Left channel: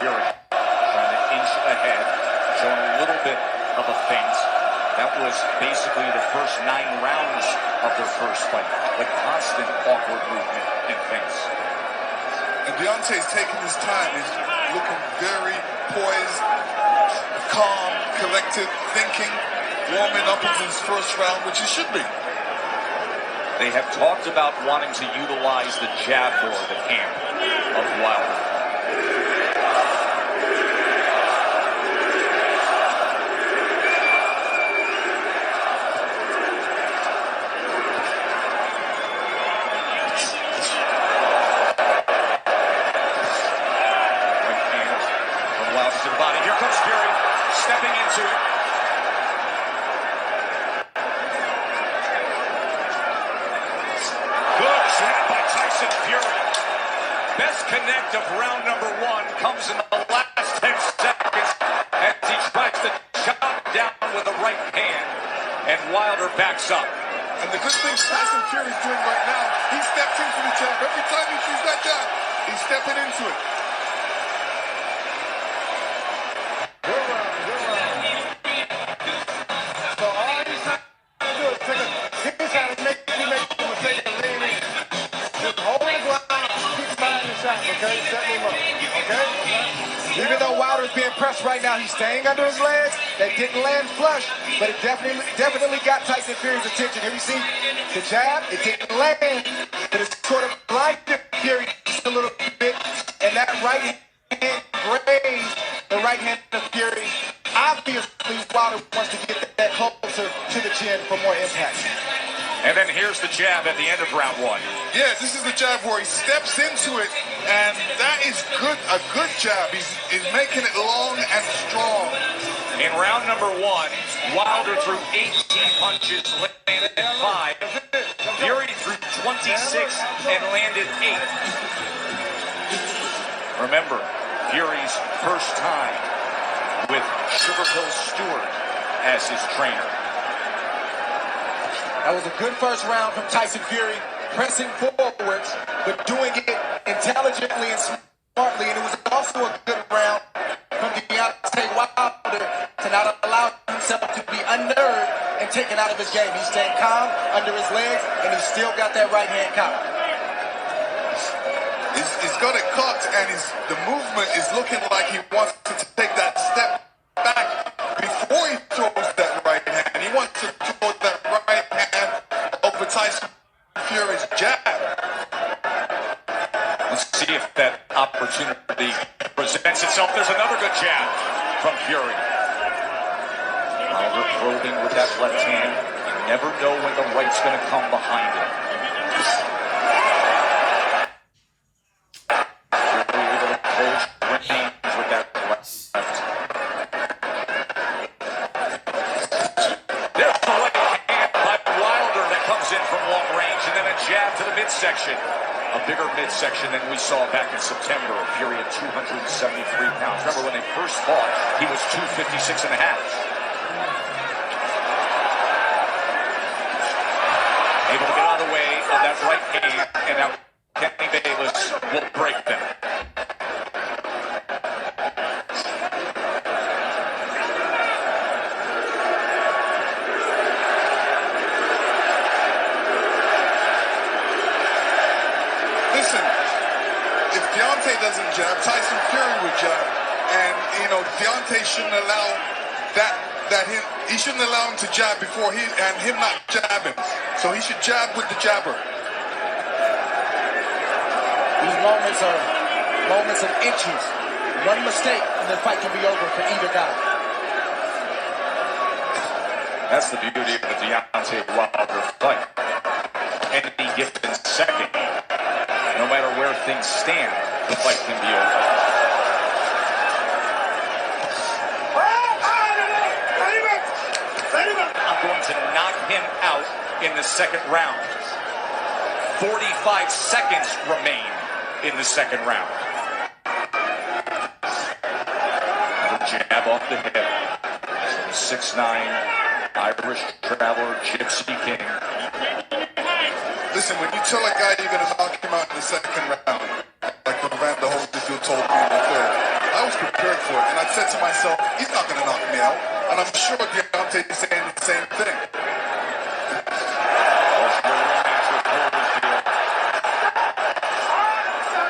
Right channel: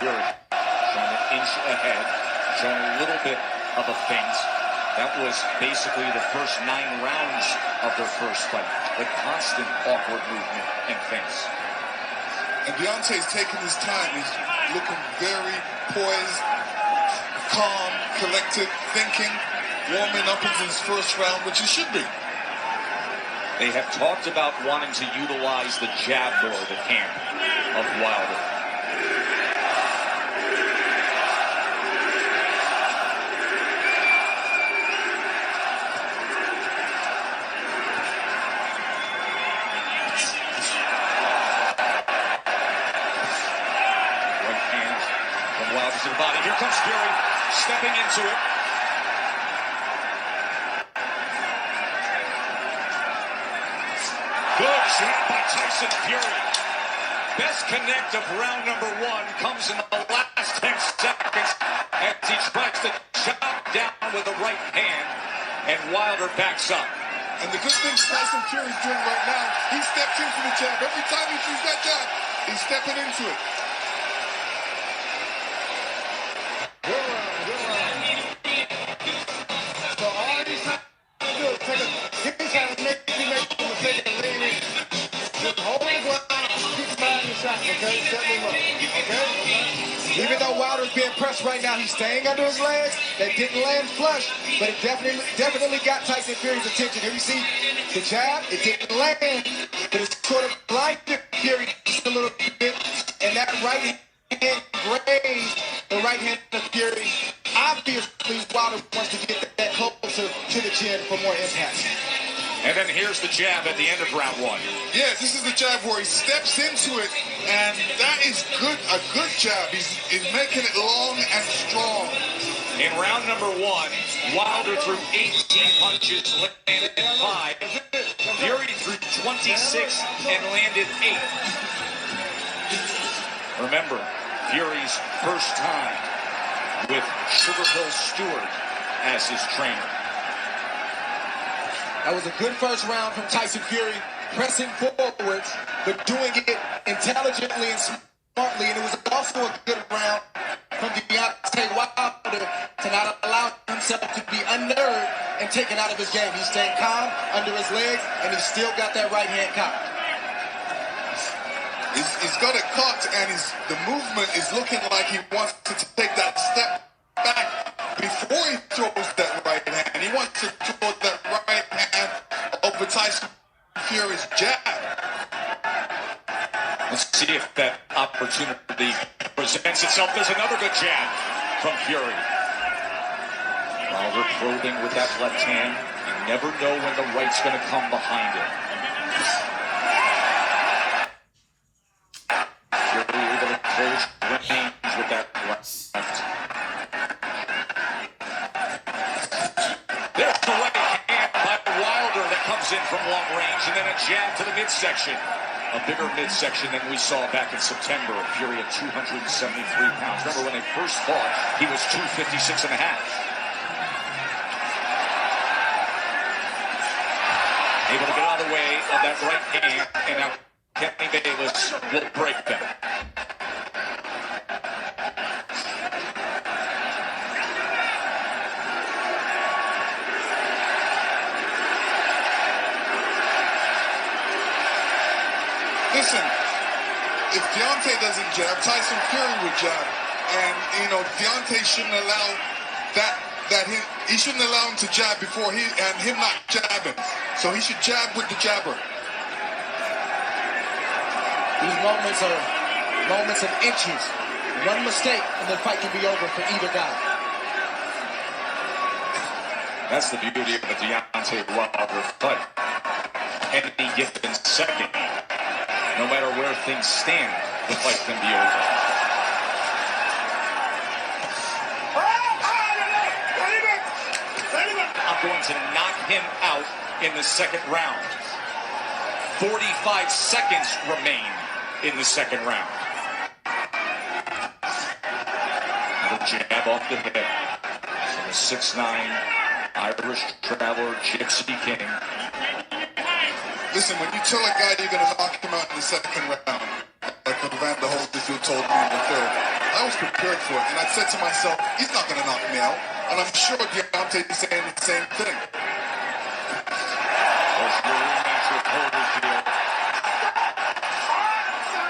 Fury trying to inch ahead, showing a little bit of a feint. That was basically the first 9 rounds of their first fight. The constant awkward movement and feints. And Deontay's taking his time. He's looking very poised, calm, collected, thinking, warming up into his first round, which he should be. They have talked about wanting to utilize the jab more, the camp of Wilder. Wilder to the body. Here comes Fury, stepping into it. Good jab by Tyson Fury. Best connect of round number 1 comes in the last 10 seconds as he tries to chop down with the right hand, and Wilder backs up. And the good thing Tyson Fury's doing right now, he steps into the jab. Every time he shoots that jab, he's stepping into it. Okay, set him up. Okay? Even though Wilder's being pressed right now, he's staying under his legs. They didn't land flush, but it definitely got Tyson Fury's attention. Here you see the jab, it didn't land, but it's sort of blinded Fury just a little bit, and that right hand grazed the right hand of Fury. Obviously, Wilder wants to get that closer to the chin for more impact. And then here's the jab at the end of round 1. Yeah, this is the jab where he steps into it, and that is good. A good jab. He's making it long and strong. In round number 1, Wilder threw 18 punches, landed 5. Fury threw 26 and landed 8. Remember, Fury's first time with Sugar Hill Stewart as his trainer. That was a good first round from Tyson Fury, pressing forwards, but doing it intelligently and smartly. And it was also a good round from Deontay Wilder to not allow himself to be unnerved and taken out of his game. He's staying calm under his legs, and he's still got that right hand cocked. He's got it cocked, and the movement is looking like he wants to take that step back before he throws that right hand. He wants to throw that right hand over Tyson Fury's jab. Let's see if that opportunity presents itself. There's another good jab from Fury. Wilder probing with that left hand. You never know when the right's going to come behind it. Fury able to close range with that left. There's the right hand by Wilder that comes in from long range, and then a jab to the midsection. A bigger midsection than we saw back in September. Fury at 273 pounds. Remember when they first fought, he was 256 and a half. Able to get out of the way of that right hand, and now Kenny Bayless will break them. Listen, if Deontay doesn't jab, Tyson Fury would jab. And, Deontay shouldn't allow he shouldn't allow him to jab before him not jabbing. So he should jab with the jabber. These moments are moments of inches. One mistake and the fight can be over for either guy. That's the beauty of a Deontay Wilder fight. Any given second, no matter where things stand, the fight can be over. I'm going to knock him out in the second round. 45 seconds remain in the second round. Another jab off the hip. So the 6'9" Irish traveler, Gypsy King. Listen, when you tell a guy you're going to knock him out in the second round, like Evander Holyfield told me in the third, I was prepared for it, and I said to myself, he's not going to knock me out. And I'm sure Deontay is saying the same thing.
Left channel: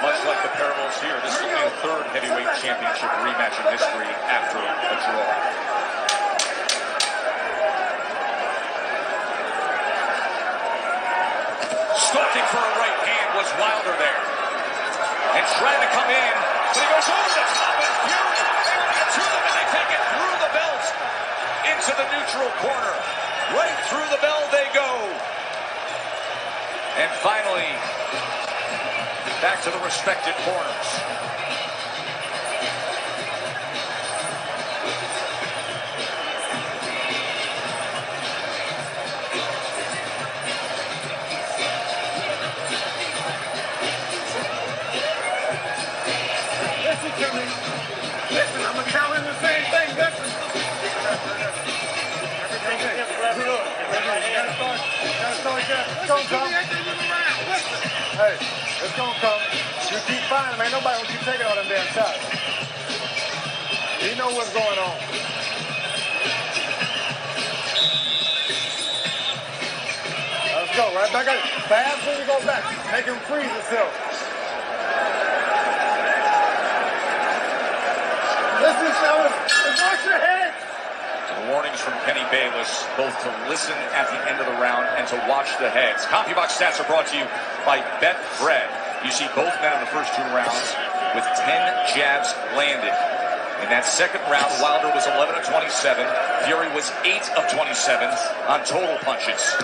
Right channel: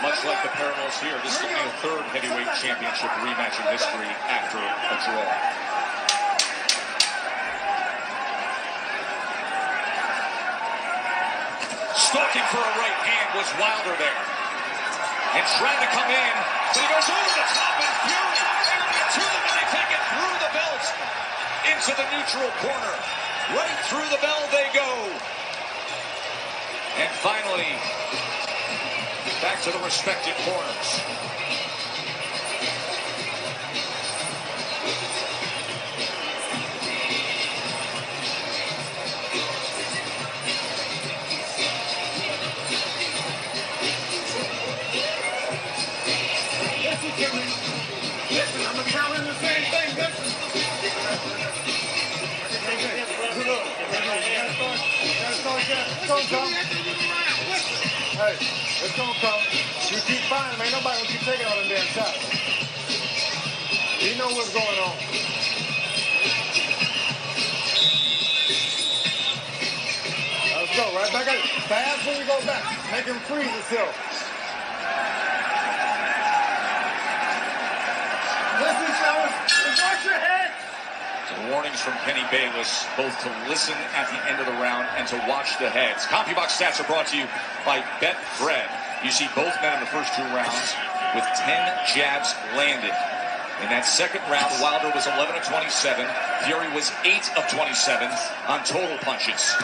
Much like the parallels here, this is only the third heavyweight championship rematch in history after a draw. Stalking for a right hand was Wilder there. And trying to come in, but he goes over the top, and Fury able to get to them, and they take it through the belt into the neutral corner. Right through the bell they go. And finally, back to the respective corners. Listen to me. Listen, I'm going to count in the same thing. Listen. It's going to come. Hey, it's going to come. You keep finding them. Ain't nobody going to keep taking all them damn shots. You know what's going on. Let's go. Right back at it. Fast when you go back. Make him freeze himself. Listen, fellas. Watch your head. The warnings from Penny Bayless, both to listen at the end of the round and to watch the heads. CompuBox stats are brought to you by Betfred. You see both men in the first two rounds with 10 jabs landed. In that second round, Wilder was 11 of 27. Fury was 8 of 27 on total punches.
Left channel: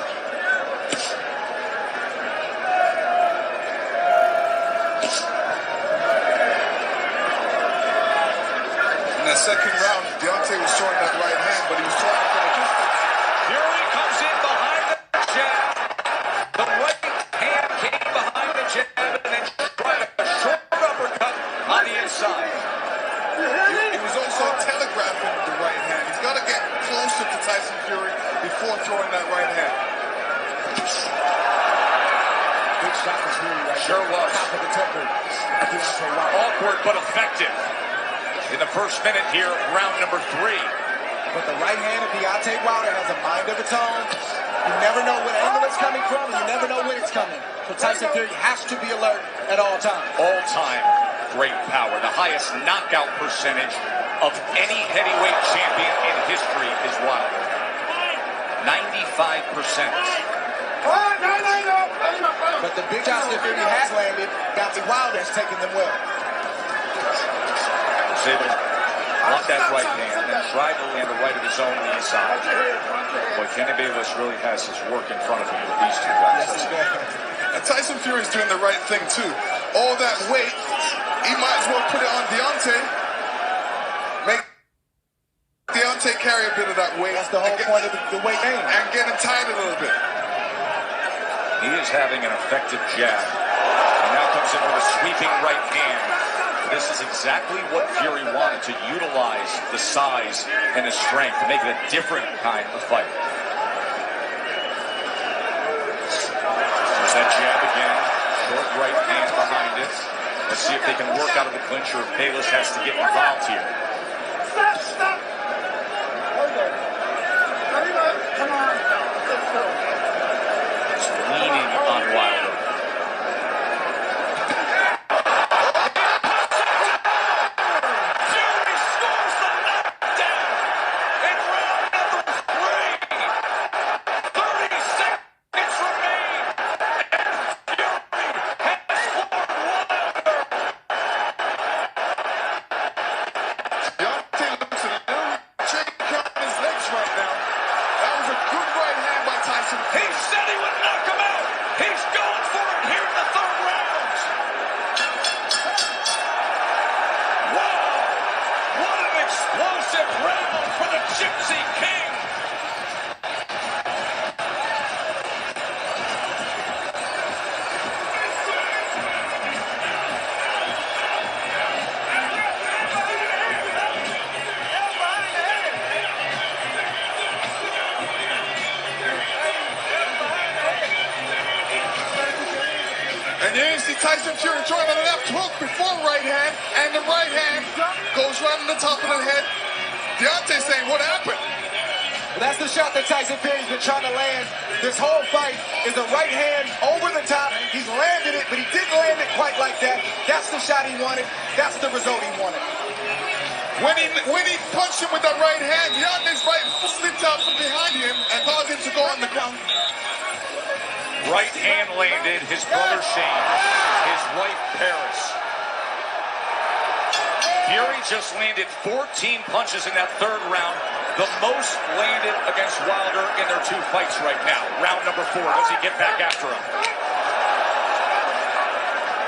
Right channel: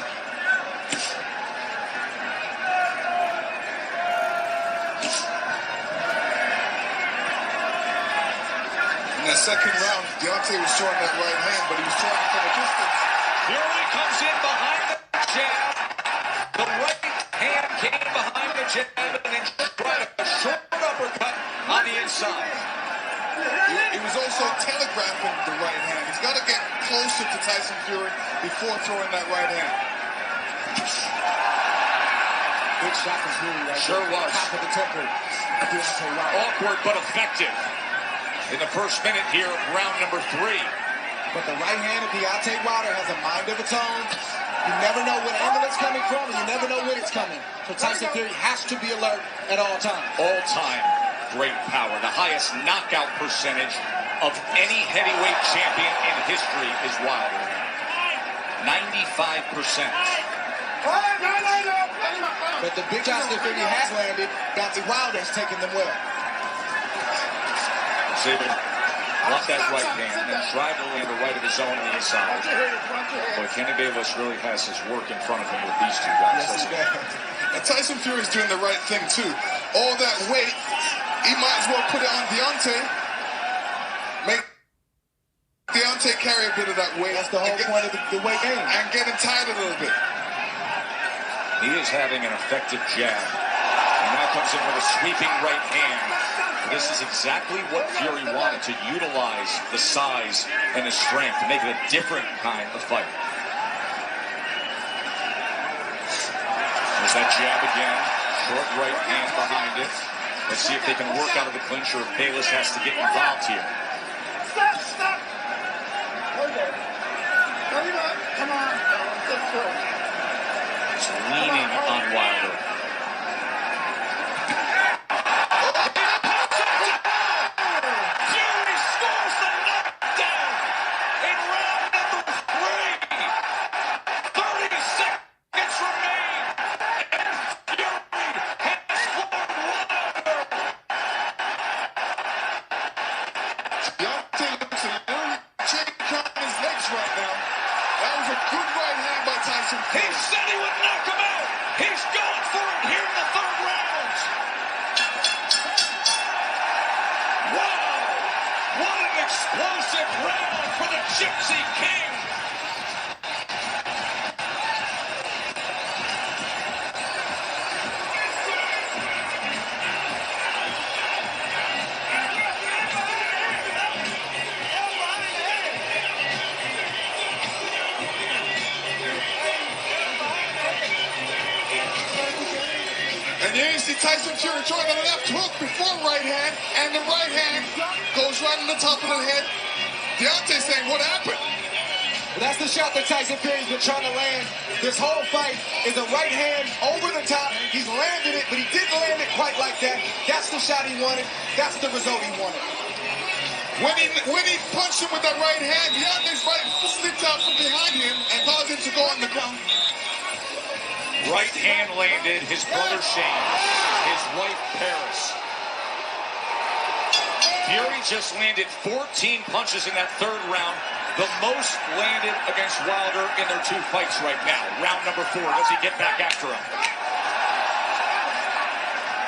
In that second round, Deontay was throwing that right hand, but he was throwing it from a distance. Fury comes in behind the jab. The right hand came behind the jab and then tried a short uppercut on the inside. He was also telegraphing the right hand. He's got to get closer to Tyson Fury before throwing that right hand. Big shot from Fury right Sure there. was. Top of the temple of Deontay Wilder. Awkward but effective in the first minute here, round number 3. But the right hand of Deontay Wilder has a mind of its own. You never know what angle it's coming from, and you never know when it's coming. So Tyson Fury has to be alert at all times. All-time great power. The highest knockout percentage of any heavyweight champion in history is Wilder. 95%. But the big shots that Fury has landed, Deontay Wilder has taken them well. Was able to block that right hand and then tried to land a right of his own on the inside. Boy, Kenny Bayless really has his work in front of him with these two guys. Yes, he does. And Tyson Fury's doing the right thing, too. All that weight, he might as well put it on Deontay. Make Deontay carry a bit of that weight. That's the whole point of the weight game. And get him tired a little bit. He is having an effective jab. And now comes in with a sweeping right hand. This is exactly what Fury wanted, to utilize the size and the strength to make it a different kind of fight. There's that jab again. Short right hand behind it. Let's see if they can work out of the clinch or if Bayless has to get involved here. Stop. Hold on. Come on, fellas. Let's go. Just leaning on Wilder. Tyson. He said he would knock him out. He's going for it here in the third round. Wow. What an explosive round for the Gypsy King. And here you see Tyson Fury throwing the left hook before right hand, and the right hand goes in the top of the head. Deontay saying, what happened? Well, that's the shot that Tyson Fury's been trying to land this whole fight, is a right hand over the top. He's landed it, but he didn't land it quite like that. That's the shot he wanted. That's the result he wanted. When he punched him with that right hand, Deontay's right slipped out from behind him and caused him to go on the ground. Right hand landed, his brother Shane, his wife Paris. Fury just landed 14 punches in that third round, the most landed against Wilder in their 2 fights right now. Round number 4, does he get back after him?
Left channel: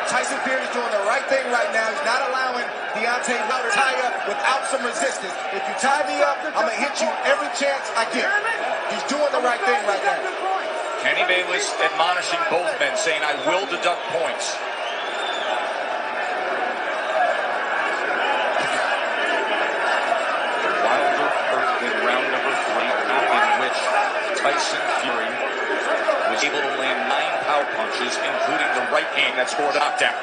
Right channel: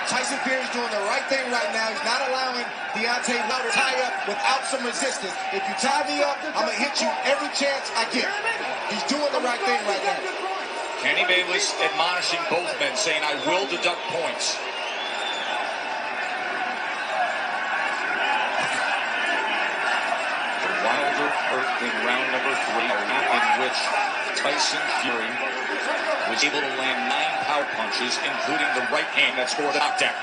Tyson Fury's doing the right thing right now. He's not allowing Deontay Wilder to tie up without some resistance. If you tie me up, I'm going to hit you every chance I get. He's doing the right thing right now. Kenny Bayless admonishing both men, saying, I will deduct points. Wilder hurt in round number 3, a round in which Tyson Fury was able to land 9 power punches, including the right hand that scored a knockdown.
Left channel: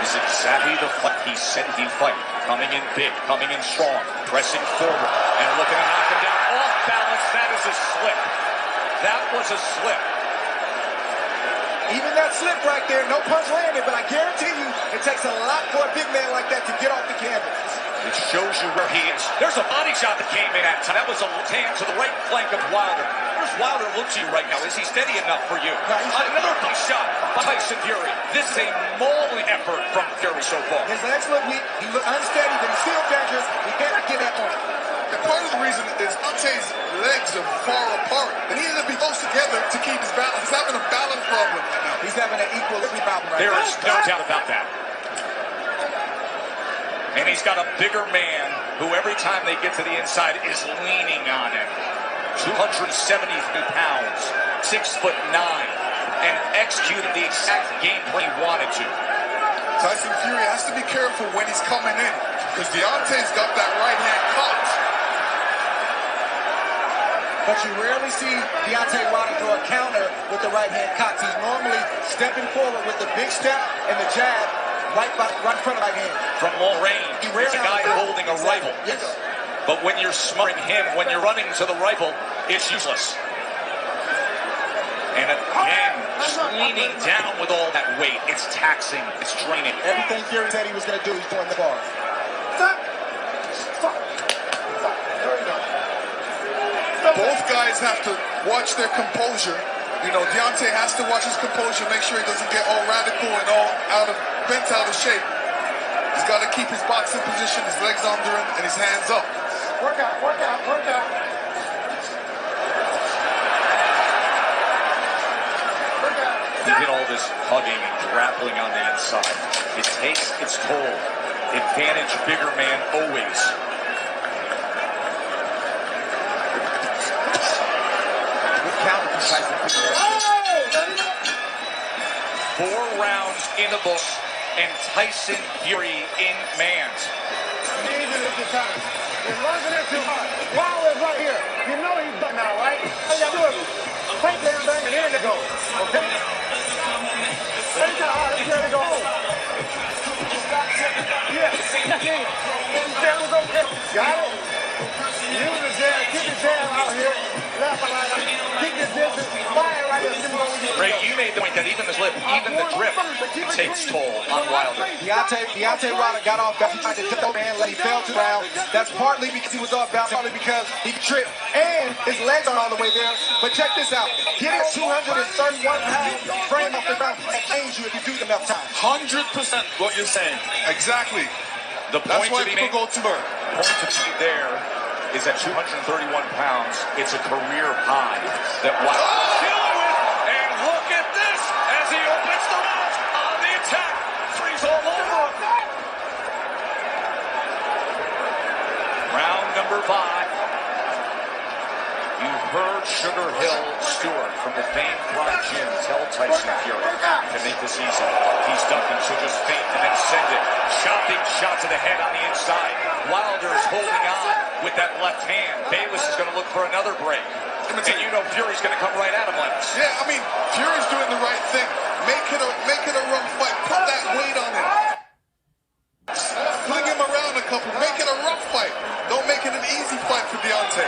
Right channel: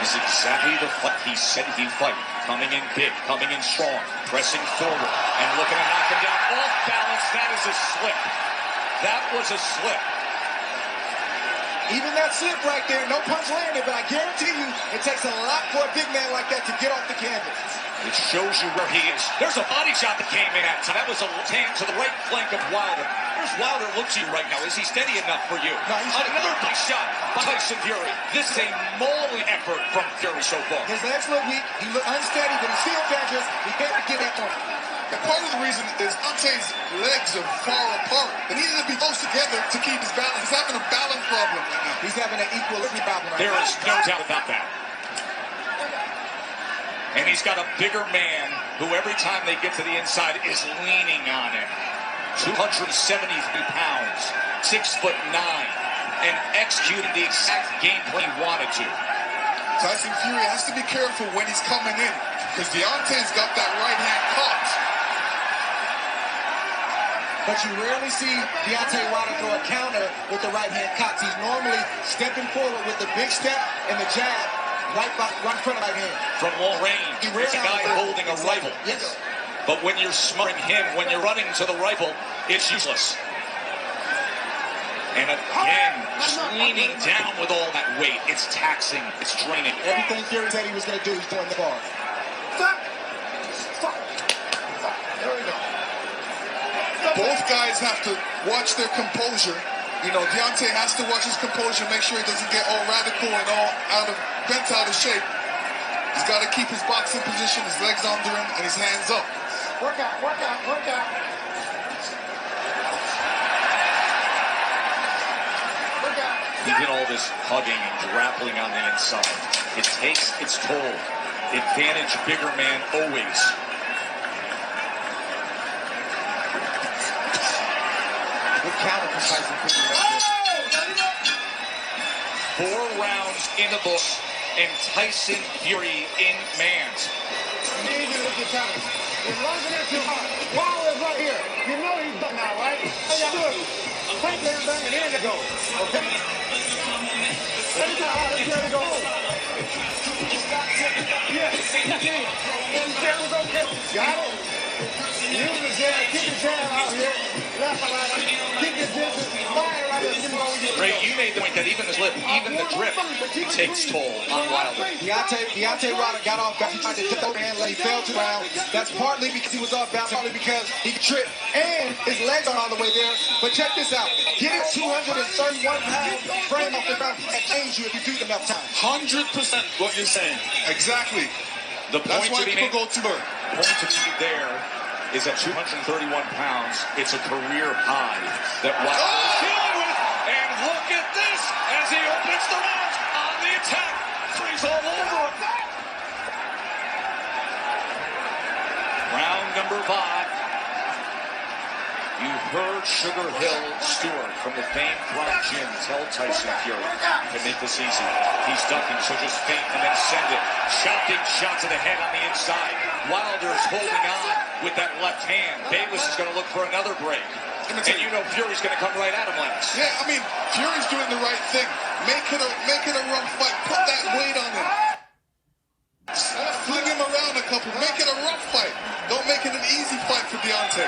This is exactly the fight he said he'd fight. Coming in big, coming in strong, pressing forward, and looking to knock him down. Off balance, that is a slip. That was a slip. Even that slip right there, no punch landed, but I guarantee you it takes a lot for a big man like that to get off the canvas. It shows you where he is. There's a body shot that came in at time. That was a left hand to the right flank of Wilder. Where's Wilder look to you right now? Is he steady enough for you? No, another big shot by Tyson Fury. This is a mauling effort from Fury so far. His legs look weak. He looked unsteady, but he's still dangerous. We can't forget that point. And part of the reason is Deontay's legs are far apart. They needed to be close together to keep his balance. He's having a balance problem right now. He's having an equilibrium problem right now. There is no doubt about that. And he's got a bigger man who every time they get to the inside is leaning on him. 273 pounds, 6'9", and executing the exact game plan he wanted to. Tyson Fury has to be careful when he's coming in, because Deontay's got that right hand caught. But you rarely see Deontay Wilder throw a counter with the right hand cuts. He's normally stepping forward with the big step and the jab right in front of right hand. From long range, it's a guy holding a rifle. Yes. But when you're smothering him, when you're running to the rifle, it's useless. And again, just leaning down with all that weight. It's taxing, it's draining. Everything Fury said he was going to do, he's doing the bar. Stop. There we go. Both guys have to watch their composure. You know, Deontay has to watch his composure, make sure he doesn't get all radical and all bent out of shape. He's got to keep his boxing position, his legs under him, and his hands up. Work out, work out, work out. Work out. He did all this hugging and grappling on the inside. It takes its toll. Advantage bigger man always. Good counter from Tyson Fury. 4 rounds in the books, and Tyson Fury in man's. Easy at the time. You're lunging it too hard. Wilder's right here. You know he's done now, right? All you gotta do is take damn thing and in it goes. Okay? Take that hard and let it go home. Yeah. That was okay. Got it? Use the jab. Keep the jab out here. Left and right. Keep your distance. Fire right there. Ray, you made the point that even the slip, even the drip takes toll on Wilder. Deontay Wilder got off balance. He tried to jump over and he fell to the ground. That's partly because he was off balance, partly because he tripped and his legs aren't all the way there. But check this out. Getting 231 pounds frame off the ground can change you if you do it enough times. 100% what you're saying. Exactly. The That's point why to be people made, go to her. point to be there is at 231 pounds. It's a career high that Wilder is dealing with. And look at this as he opens the round on the attack. 3's all over him. Round number 5. You heard Sugar Hill Stewart from the famed Prime Gym tell Tyson Fury to make this easy. He's ducking, so just feint and then send it. Chopping shot to the head on the inside. Wilder's holding on with that left hand. Bayless is going to look for another break. And you know Fury's going to come right at him, Lennox. Yeah, I mean, Fury's doing the right thing. Make it a rough fight. Put that weight on him. couple. Make it a rough fight. Don't make it an easy fight for Deontay.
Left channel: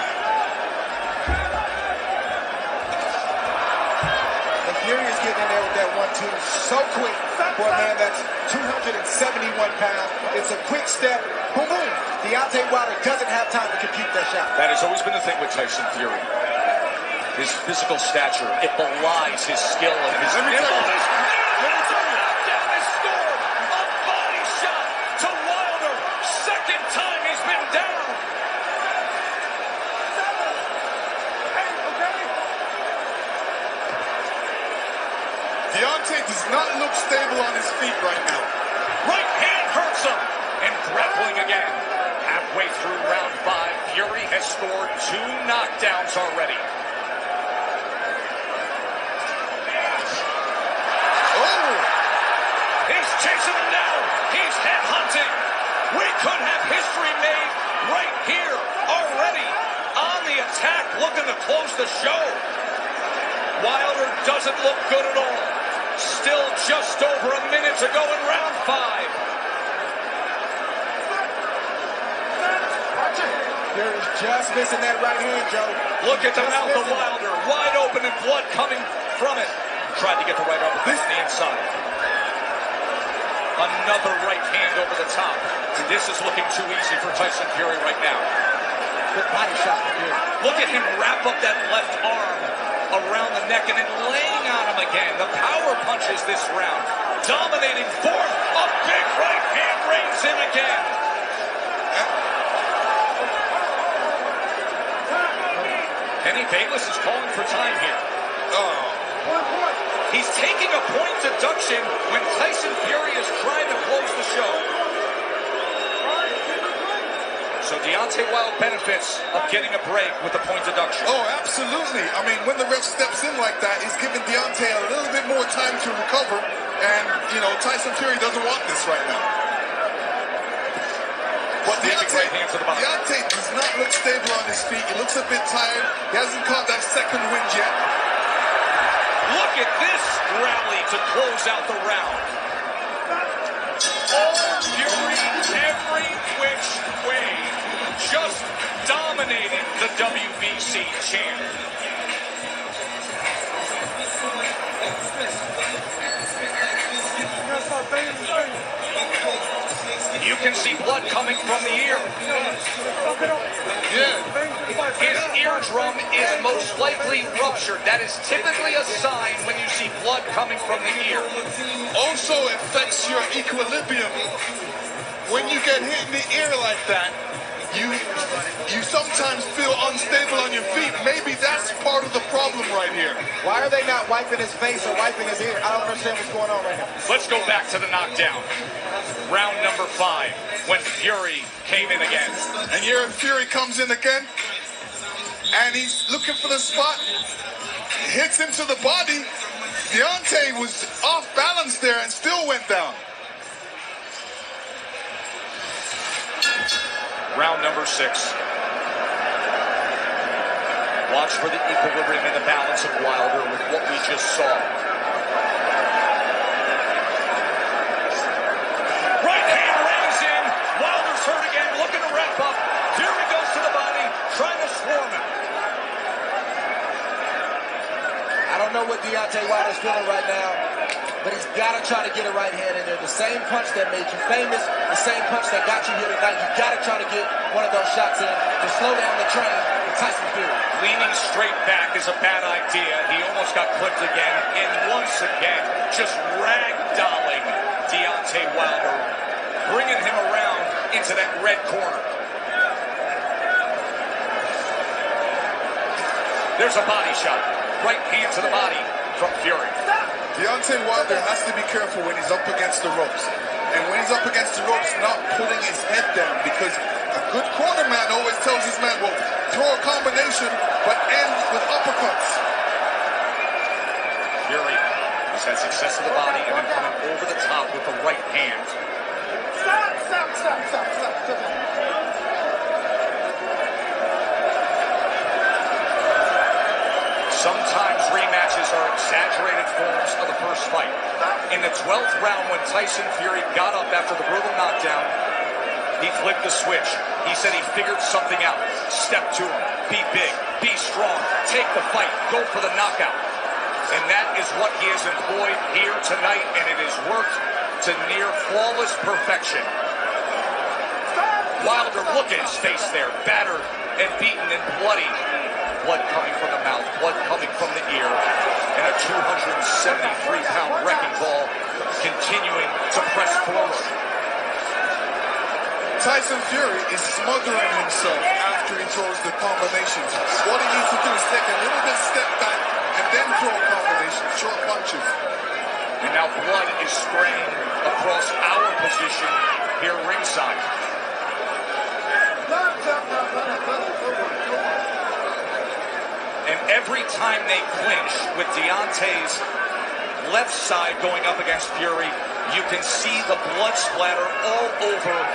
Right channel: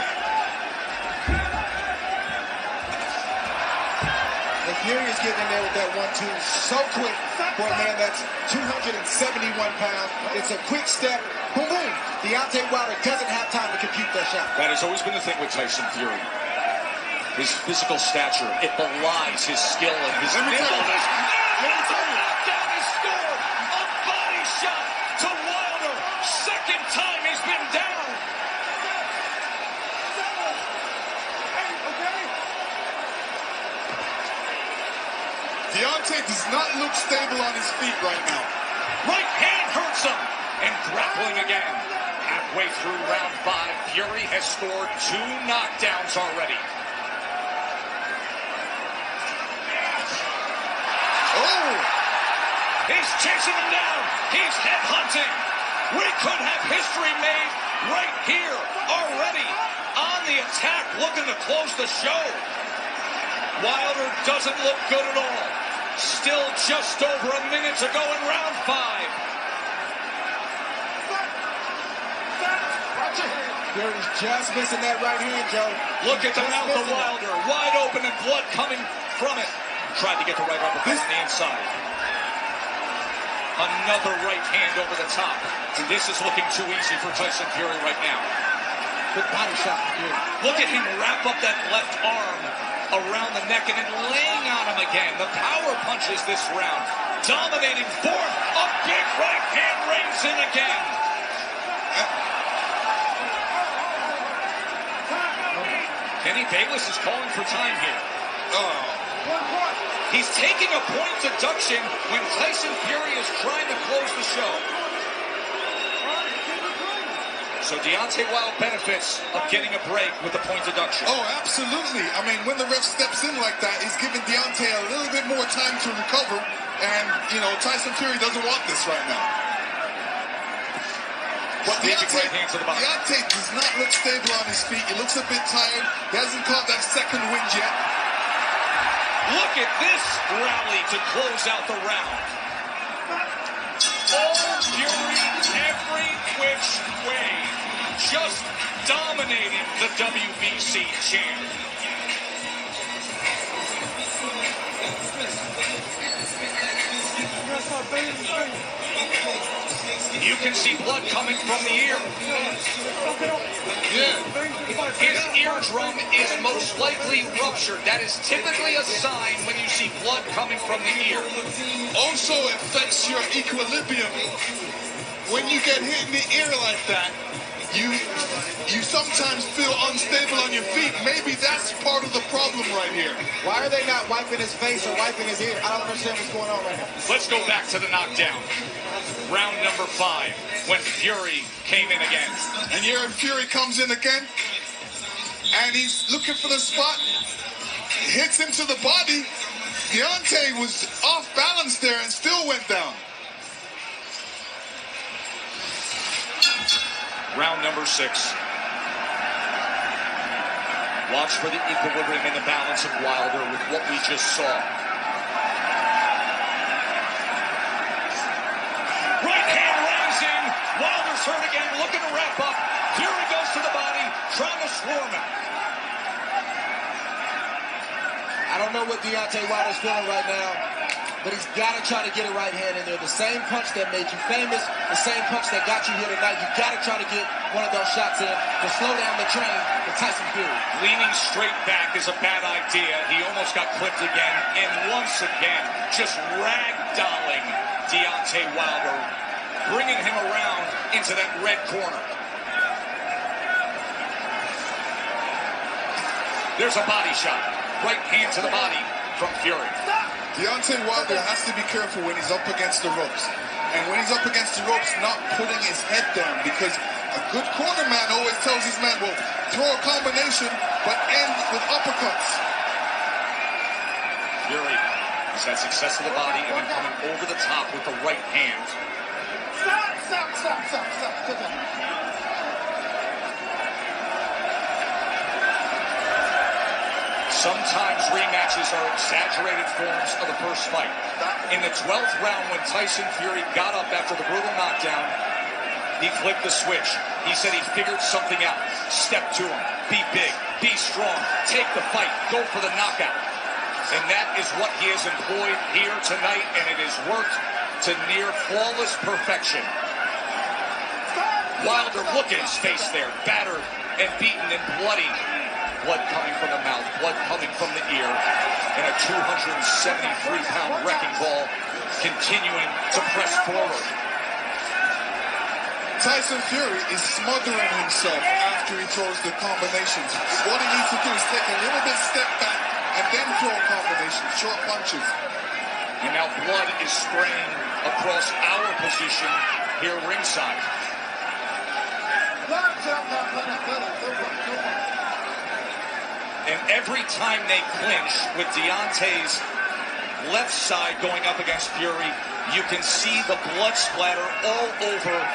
And Fury is getting in there with that 1-2 so quick for a man that's 271 pounds. It's a quick step. Boom, boom. Deontay Wilder doesn't have time to compute that shot. That has always been the thing with Tyson Fury. His physical stature, it belies his skill and his nimbleness. Knockdown is scored. A body shot to Wilder. Second time he's been down. Deontay does not look stable on his feet right now. Right hand hurts him. And grappling again. Halfway through round 5, Fury has scored 2 knockdowns already. Oh! He's chasing him down. He's headhunting. We could have history made right here already. On the attack, looking to close the show. Wilder doesn't look good at all. Still just over a minute to go in round 5. Fury's just missing that right hand, Joe. Look at the Just mouth of missing it. Wilder. Wide open and blood coming from it. Tried to get the right uppercut on the inside. Another right hand over the top. This is looking too easy for Tyson Fury right now. Good body shot from Fury. Look at him wrap up that left arm around the neck and then laying on him again. The power punches this round. Dominating form. A big right hand reigns in again. Kenny Bayless is calling for time here. Oh. He's taking a point deduction when Tyson Fury is trying to close the show. So Deontay Wilder benefits of getting a break with the point deduction. Oh, absolutely. I mean, when the ref steps in like that, he's giving Deontay a little bit more time to recover. And, you know, Tyson Fury doesn't want this right now. But Right hand to the body. Deontay does not look stable on his feet. He looks a bit tired. He hasn't caught that second wind yet. Look at this rally to close out the round. All Fury, every which way, just dominating the WBC champ. You can see blood coming from the ear. Yeah. His eardrum is most likely ruptured. That is typically a sign when you see blood coming from the ear. Also affects your equilibrium. When you get hit in the ear like that, you sometimes feel unstable on your feet. Maybe that's part of the problem right here. Why are they not wiping his face or wiping his ear? I don't understand what's going on right now. Let's go back to the knockdown. Round number 5, when Fury came in again. And here Fury comes in again, and he's looking for the spot. Hits him to the body. Deontay was off balance there and still went down. Round number 6. Watch for the equilibrium and the balance of Wilder with what we just saw. Right hand reins in. Wilder's hurt again, looking to wrap up. Fury goes to the body, trying to swarm him. I don't know what Deontay Wilder's feeling right now, but he's got to try to get a right hand in there. The same punch that made you famous, the same punch that got you here tonight. You got to try to get one of those shots in to slow down the train with Tyson Fury. Leaning straight back is a bad idea. He almost got clipped again, and once again, just ragdolling Deontay Wilder, bringing him around into that red corner. There's a body shot. Right hand to the body from Fury. Deontay Wilder has to be careful when he's up against the ropes. And when he's up against the ropes, not putting his head down, because a good corner man always tells his man, well, throw a combination, but end with uppercuts. Fury has had success to the body and then coming over the top with the right hand. Stop. Sometimes rematches are exaggerated forms of the first fight. In the 12th round, when Tyson Fury got up after the brutal knockdown, He flipped the switch. He said he figured something out. Step to him. Be big. Be strong. Take the fight. Go for the knockout. And that is what he has employed here tonight, and it has worked to near flawless perfection. Wilder, look at his face there, battered and beaten and bloody. Blood coming from the mouth, blood coming from the ear, and a 273-pound wrecking ball continuing to press forward. Tyson Fury is smothering himself after he throws the combinations. What he needs to do is take a little bit step back and then throw combinations, short punches. And now blood is spraying across our position here ringside. And every time they clinch with Deontay's left side going up against Fury, you can see the blood splatter all over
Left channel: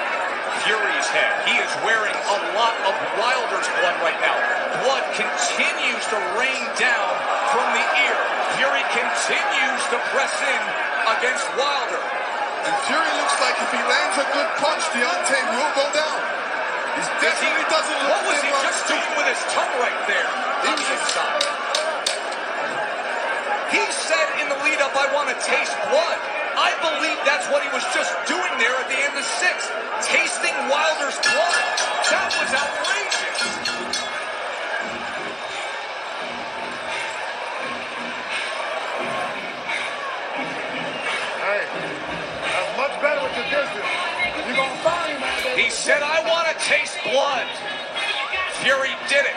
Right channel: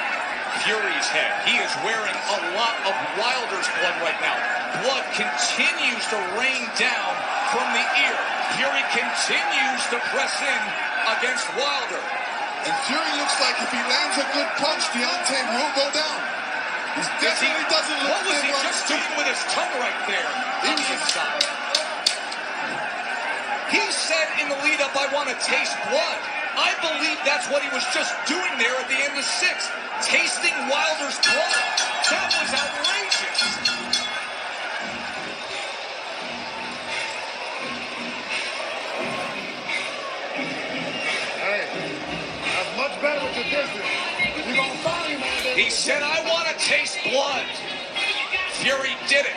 Fury's head. He is wearing a lot of Wilder's blood right now. Blood continues to rain down from the ear. Fury continues to press in against Wilder. And Fury looks like if he lands a good punch, Deontay will go down. He definitely doesn't look. What was he just doing with his tongue right there on the inside? He said in the lead-up, I want to taste blood. I believe that's what he was just doing there at the end of 6, tasting Wilder's blood. That was outrageous. Hey, that's much better with your distance. You're going to find him out there. He said, I want to taste blood. Fury did it.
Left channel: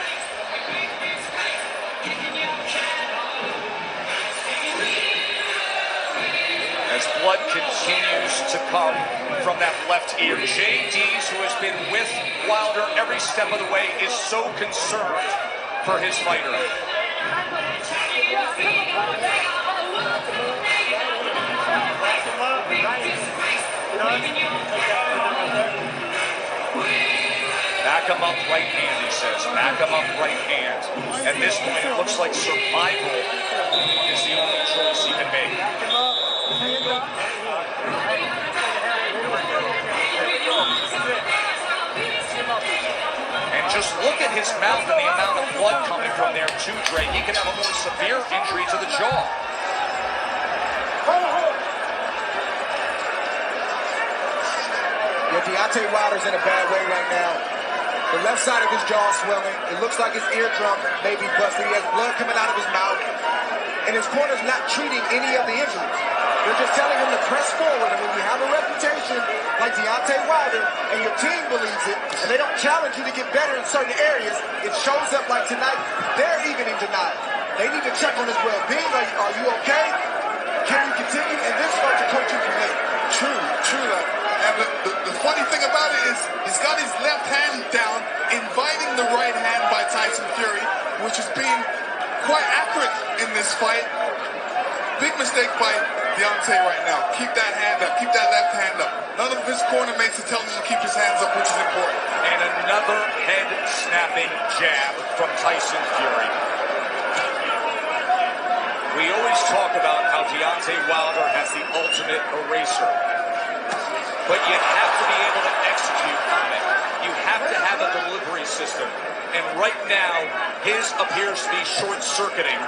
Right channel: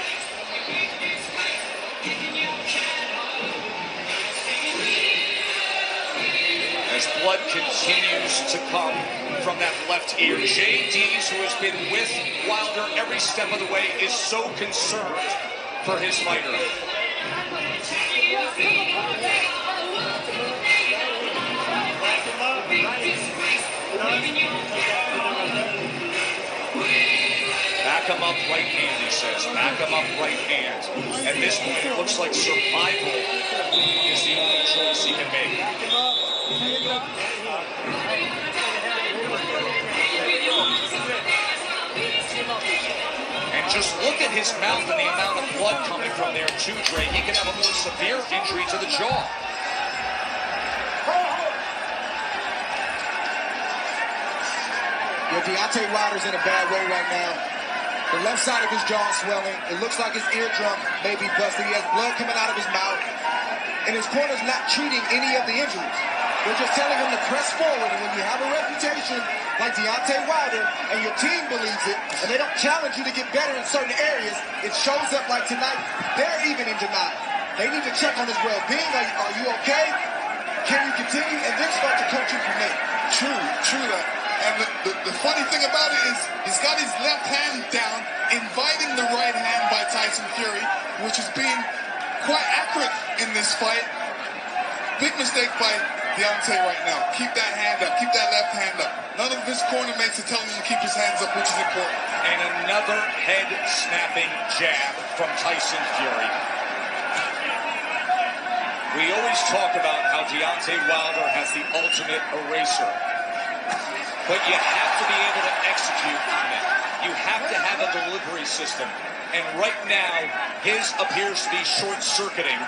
As blood continues to come from that left ear, JD's, who has been with Wilder every step of the way, is so concerned for his fighter. Back him up right hand, he says. Back him up right hand. At this point, it looks like survival is the only choice he can make. And just look at his mouth and the amount of blood coming from there too, Dre. He can have a more severe injury to the jaw. Yeah, Deontay Wilder's in a bad way right now. The left side of his jaw is swelling. It looks like his eardrum may be busted. He has blood coming out of his mouth. And his corner's not treating any of the injuries. They're just telling him to press forward. And when you have a reputation like Deontay Wilder and your team believes it, and they don't challenge you to get better in certain areas, it shows up like tonight. They're even in denial. They need to check on his well-being. Are you okay? Can you continue? And then start to coach you from there. True that. And the funny thing about it is he's got his left hand down, inviting the right hand by Tyson Fury, which is being quite accurate in this fight. Big mistake by Deontay right now. Keep that hand up. Keep that left hand up. None of his corner mates are telling him to keep his hands up, which is important. And another head-snapping jab from Tyson Fury. We always talk about how Deontay Wilder has the ultimate eraser. But you have to be able to execute on it. You have to have a delivery system. And right now, his appears to be short-circuiting.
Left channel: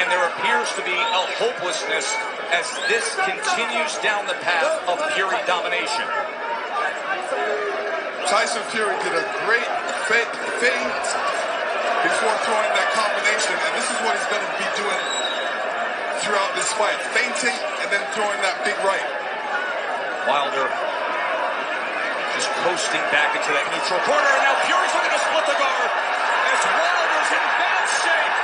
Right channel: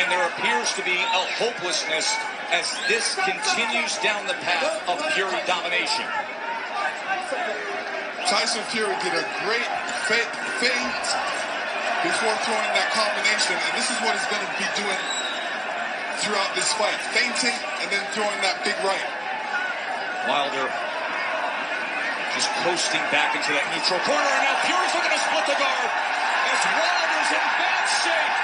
And there appears to be a hopelessness as this continues down the path of Fury domination. Tyson Fury did a great feint before throwing that combination. And this is what he's going to be doing throughout this fight. Feinting and then throwing that big right. Wilder just coasting back into that neutral corner, and now Fury's looking to split the guard as Wilder's in bad shape.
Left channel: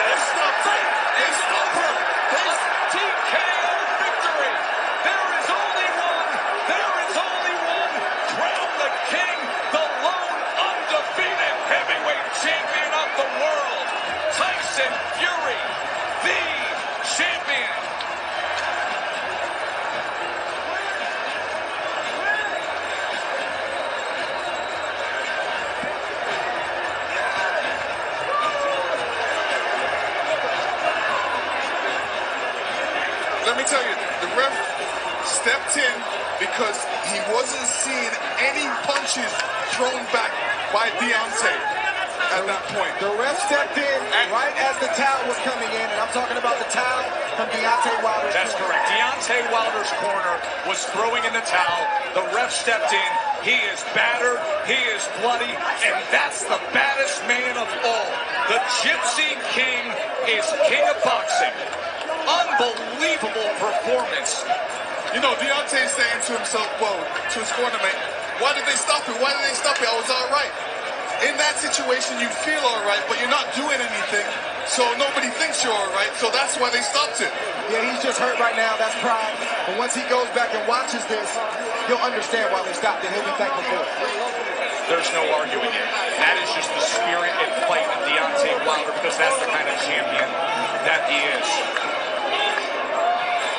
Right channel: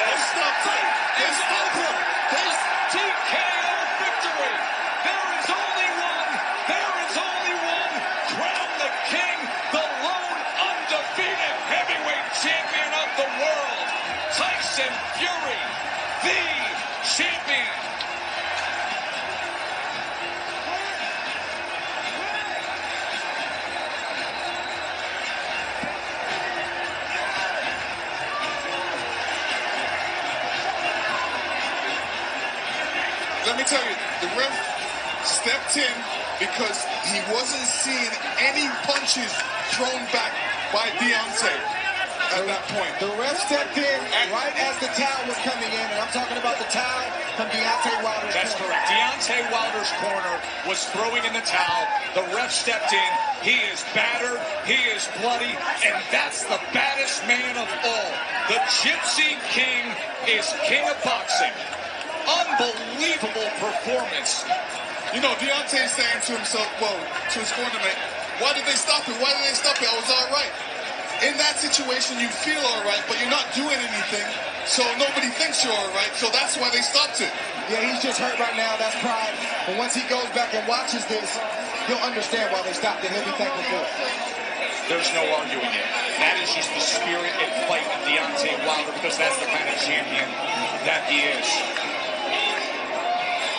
This fight is over. A TKO victory. There is only one. There is only one. Crown the king, the lone undefeated heavyweight champion of the world, Tyson Fury, the champion. Let me tell you, the ref stepped in because he wasn't seeing any punches thrown back by Deontay at that point. The ref stepped in right as the towel was coming in, and I'm talking about the towel from Deontay Wilder's That's corner. correct. Deontay Wilder's corner was throwing in the towel. The ref stepped in. He is battered. He is bloody. And that's the baddest man of all. The Gypsy King is king of boxing. Unbelievable performance. You know, Deontay's saying to himself, well, to his corner mate, why did they stop it? Why did they stop it? I was all right. In that situation, you feel all right, but you're not doing anything, so nobody thinks you're all right, so that's why they stopped it. Yeah, he's just hurt right now. That's pride. But once he goes back and watches this, he'll understand why they stopped it. He'll be thankful for it. There's no arguing it. That is just the spirit and fight of Deontay Wilder, because that's the kind of champion that he is.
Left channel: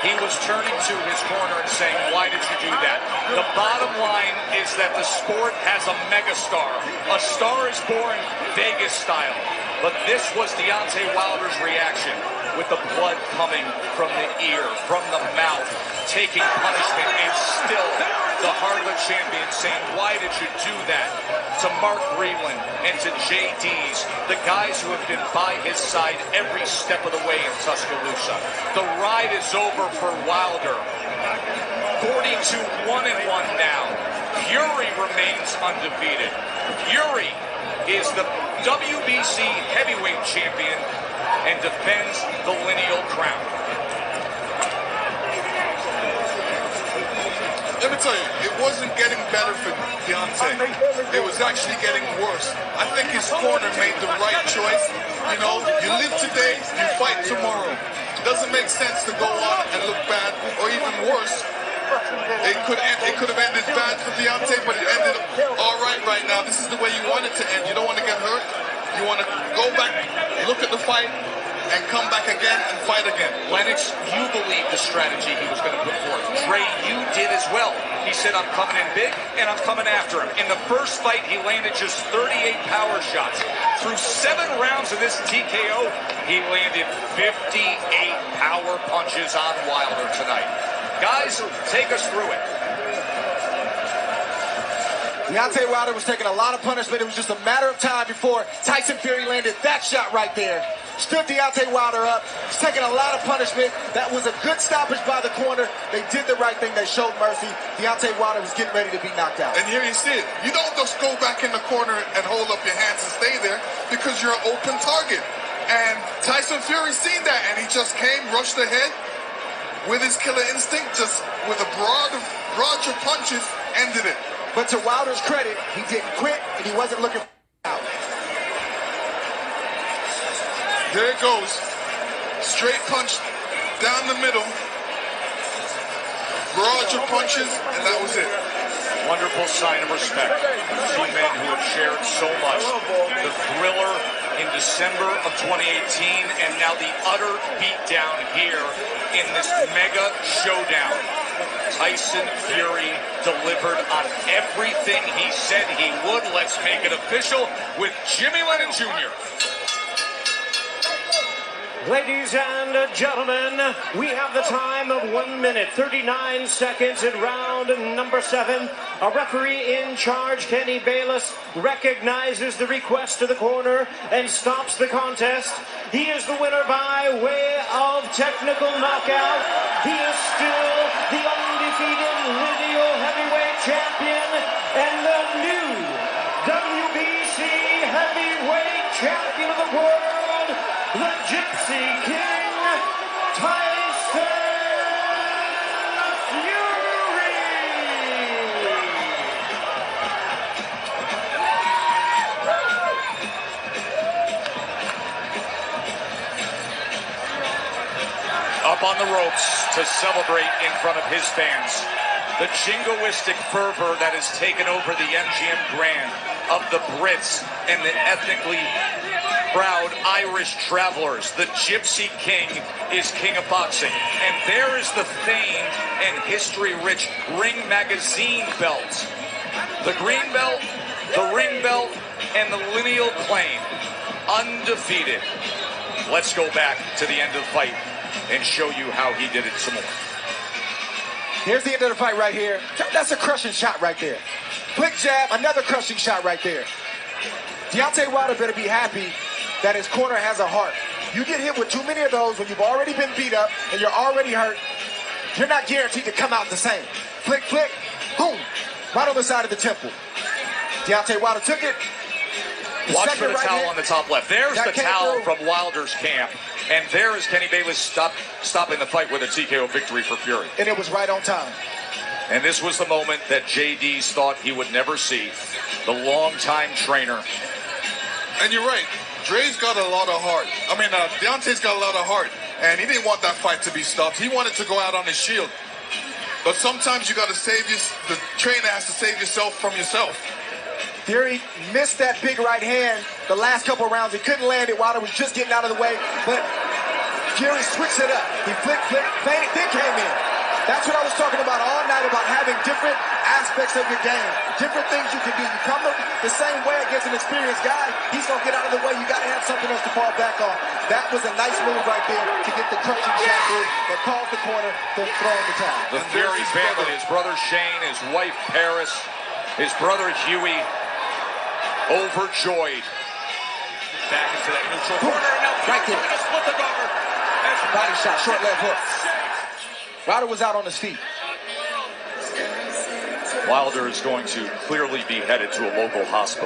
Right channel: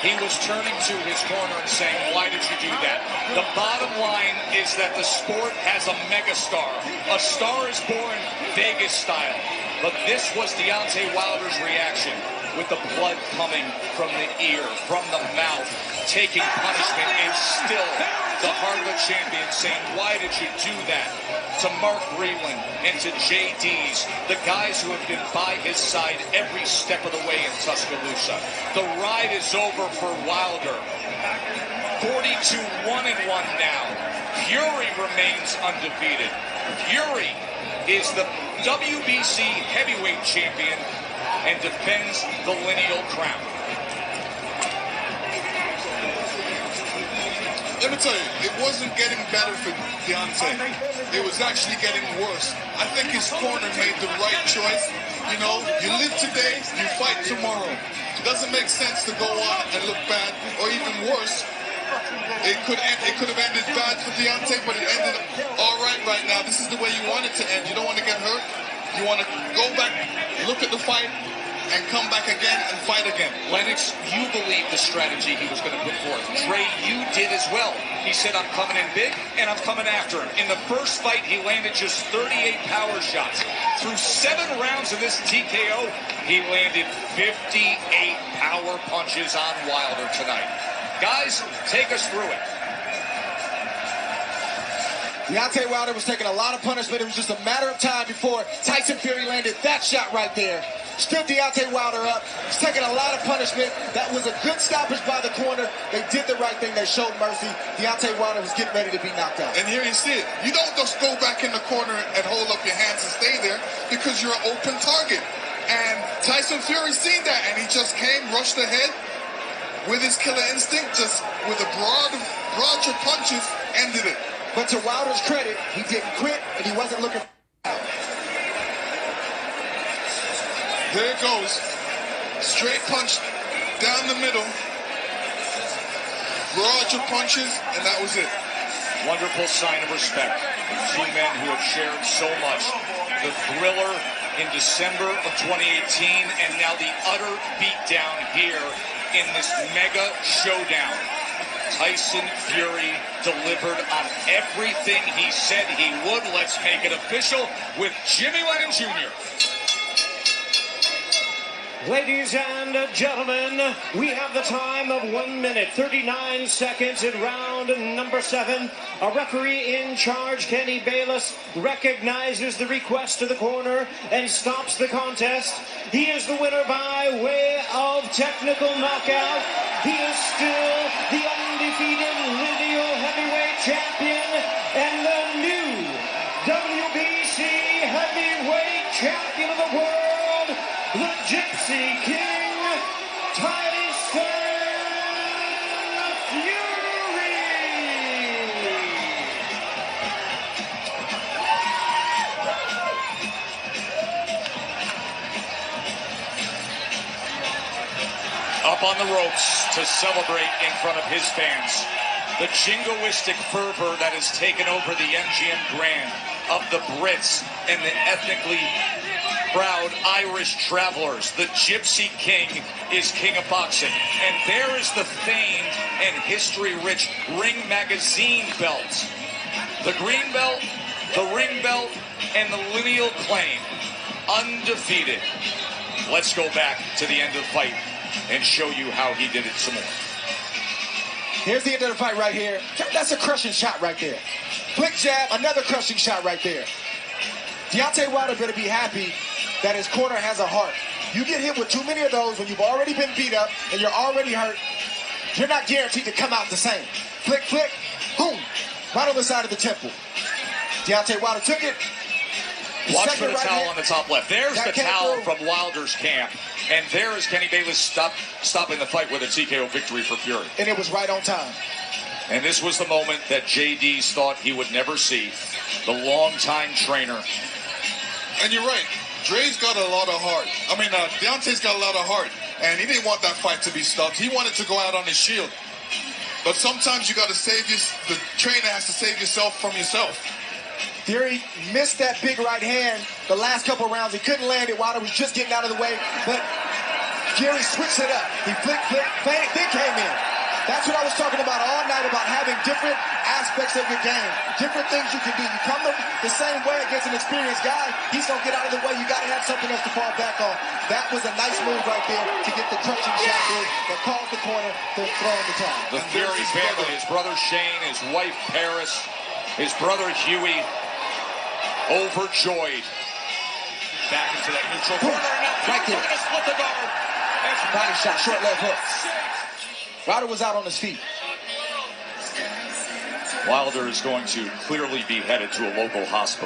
He was turning to his corner and saying, why did you do that? The bottom line is that the sport has a megastar. A star is born Vegas style. But this was Deontay Wilder's reaction, with the blood coming from the ear, from the mouth, taking punishment, and still the heart of a champion saying, why did you do that? To Mark Breland and to JD's, the guys who have been by his side every step of the way in Tuscaloosa. The ride is over for Wilder. 42-1-1 now. Fury remains undefeated. Fury is the WBC heavyweight champion and defends the lineal crown. Let me tell you, it wasn't getting better for Deontay. It was actually getting worse. I think his corner made the right choice. You know, you live today, you fight tomorrow. It doesn't make sense to go on and look bad, or even worse. It could have ended bad for Deontay, but it ended all right now. This is the way you want it to end. You don't want to get hurt. You want to go back, look at the fight, and come back again and fight again. Lennox, you believed the strategy he was going to put forth. Dre, you did as well. He said, I'm coming in big, and I'm coming after him. In the first fight, he landed just 38 power shots. Through 7 rounds of this TKO, he landed 58 power punches on Wilder tonight. Guys, take us through it. Deontay Wilder was taking a lot of punishment. It was just a matter of time before Tyson Fury landed that shot right there. Stood Deontay Wilder up. He's taking a lot of punishment. That was a good stoppage by the corner. They did the right thing. They showed mercy. Deontay Wilder was getting ready to be knocked out. And here you see it. You don't just go back in the corner and hold up your hands and stay there, because you're an open target. And Tyson Fury seen that, and he just came, rushed ahead with his killer instinct, just with a barrage of punches, ended it. But to Wilder's credit, he didn't quit, and he wasn't looking for out. There it goes. Straight punch down the middle. Barrage of punches, and that was it. Wonderful sign of respect from two men who have shared so much. The thriller in December of 2018, and now the utter beatdown here in this mega showdown. Tyson Fury delivered on everything he said he would. Let's make it official with Jimmy Lennon Jr. Ladies and gentlemen, we have the time of 1 minute, 39 seconds in round number 7. A referee in charge, Kenny Bayless, recognizes the request to the corner and stops the contest. He is the winner by way of technical knockout. He is still the undefeated lineal heavyweight champion and the new WBC heavyweight champion of the world, the Gypsy King, Tyson Fury! Up on the ropes to celebrate in front of his fans. The jingoistic fervor that has taken over the MGM Grand of the Brits and the ethnically proud Irish travelers. The Gypsy King is king of boxing. And there is the famed and history-rich Ring Magazine belt. The green belt, the ring belt, and the lineal claim. Undefeated. Let's go back to the end of the fight and show you how he did it some more. Here's the end of the fight right here. That's a crushing shot right there. Flick jab, another crushing shot right there. Deontay Wilder better be happy that his corner has a heart. You get hit with too many of those when you've already been beat up and you're already hurt, you're not guaranteed to come out the same. Flick, flick, boom, right on the side of the temple. Deontay Wilder took it. Watch for the towel on the top left. There's the towel from Wilder's camp. And there is Kenny Bayless stopping the fight with a TKO victory for Fury. And it was right on time. And this was the moment that JD's thought he would never see. The longtime trainer. And you're right. Dre's got a lot of heart. Deontay's got a lot of heart. And he didn't want that fight to be stopped. He wanted to go out on his shield. But sometimes you got to the trainer has to save yourself from yourself. Fury missed that big right hand the last couple rounds. He couldn't land it. Wilder was just getting out of the way. But Fury switched it up. He flicked, feinted, then came in. That's what I was talking about all night, about having different aspects of your game, different things you can do. You come the same way against an experienced guy, he's going to get out of the way. You got to have something else to fall back on. That was a nice move right there to get the crushing shot through that caused the corner to throw in the towel. The Fury family, his brother Shane, his wife Paris, his brother Huey, overjoyed. Back into that neutral corner, and now right there. Going to split the guard. Body shot, short left hook. Wilder was out on his feet. Wilder is going to clearly be headed to a local hospital.